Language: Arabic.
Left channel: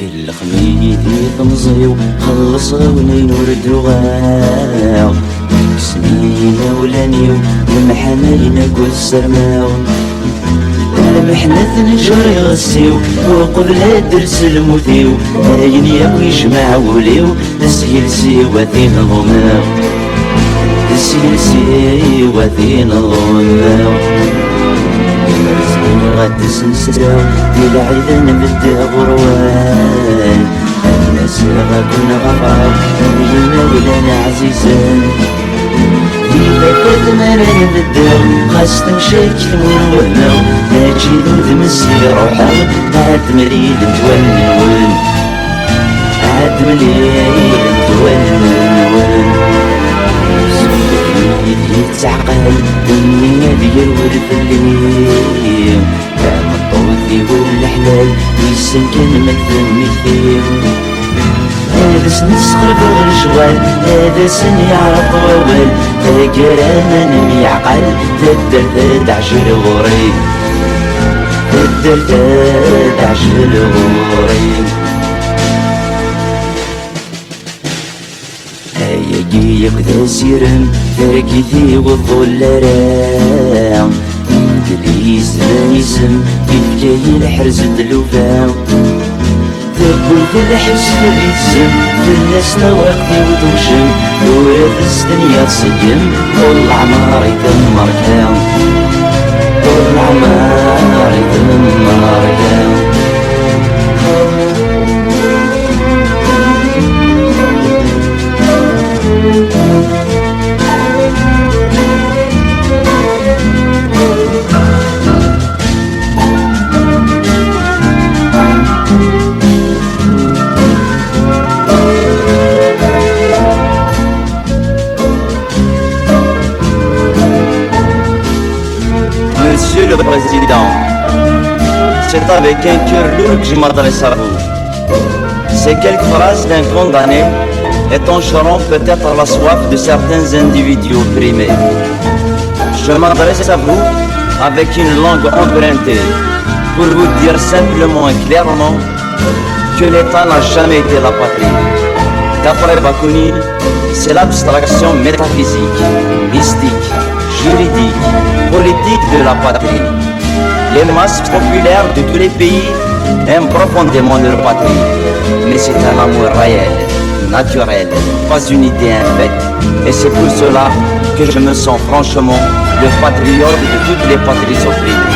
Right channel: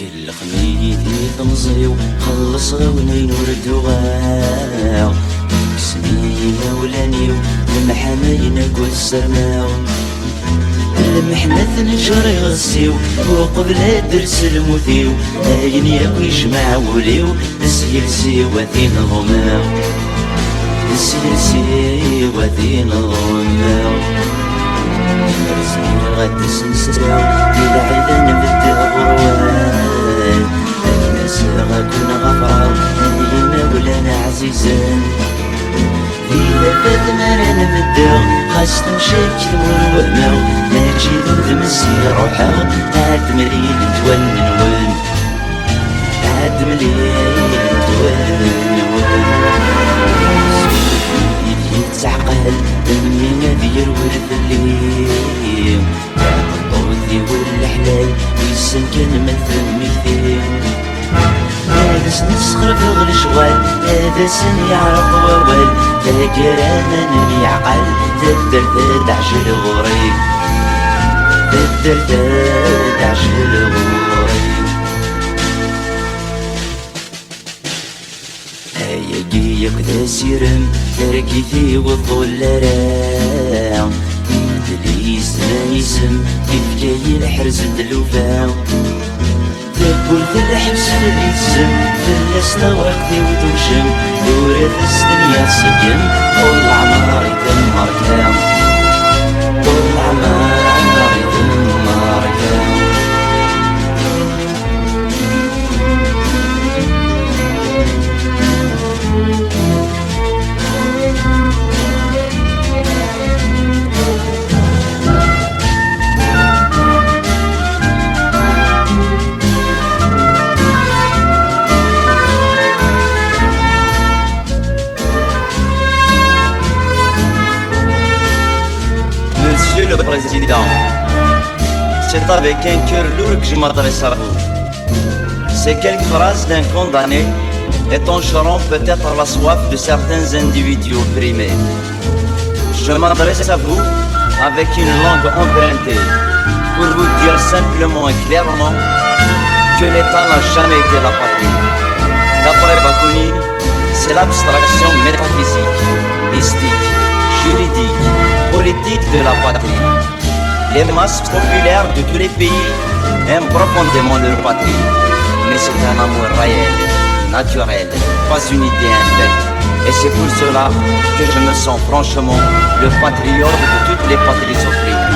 كل خميدي تمزيو خلصوني نور الدواء سنين ولانيو ومحنين قول سرماو محنة نجري غسيو وقبل درس المذيو هاين ياو يجمع وليو نسيلسي وذين ظماو نسيلسي وذين ظماو غاد سلسلاو يلعب نبدا بروان الناس غاكونا غفار وينا ولانا عزيزان إذا كنت مرة نبداو خاص تمشيك ونوهماو ماشي ذود مسير روحاو عاد مليل نتونون عاد مليل نتونون يتعقل الدنيا ديال ورد الليل عام الطوط يقول الحلال يسن كان مثل مثيل هذا سن صغر والشغال هذا سن يعرف ووال تاقرا من يعقل تدر تعجل غوري تدر تعجل غوري هيجي يقدا سيرم تركيتي وطول لرام دليس نيسم بيفكاي الحرز الدلوفاو تقول في الحس في الاسم في الناس نوقفي وتوشم ورد الدنيا سجن طول العمر يدمر كاو طول العمر يدمر كاو Monsieur le Président, c'est avec un cœur lourd que je m'adresse à vous. Ces quelques phrases d'un condamné étancheront peut-être la soif de certains individus opprimés. Je m'adresse à vous avec une langue empruntée pour vous dire simplement et clairement que l'État n'a jamais été la patrie. D'après Bakounine, c'est l'abstraction métaphysique, mystique, juridique, politique de la patrie. Les masses populaires de tous les pays aiment profondément leur patrie, mais c'est un amour réel, naturel, pas une idée infecte. Et c'est pour cela que je me sens franchement le patriote de toutes les patries opprimées.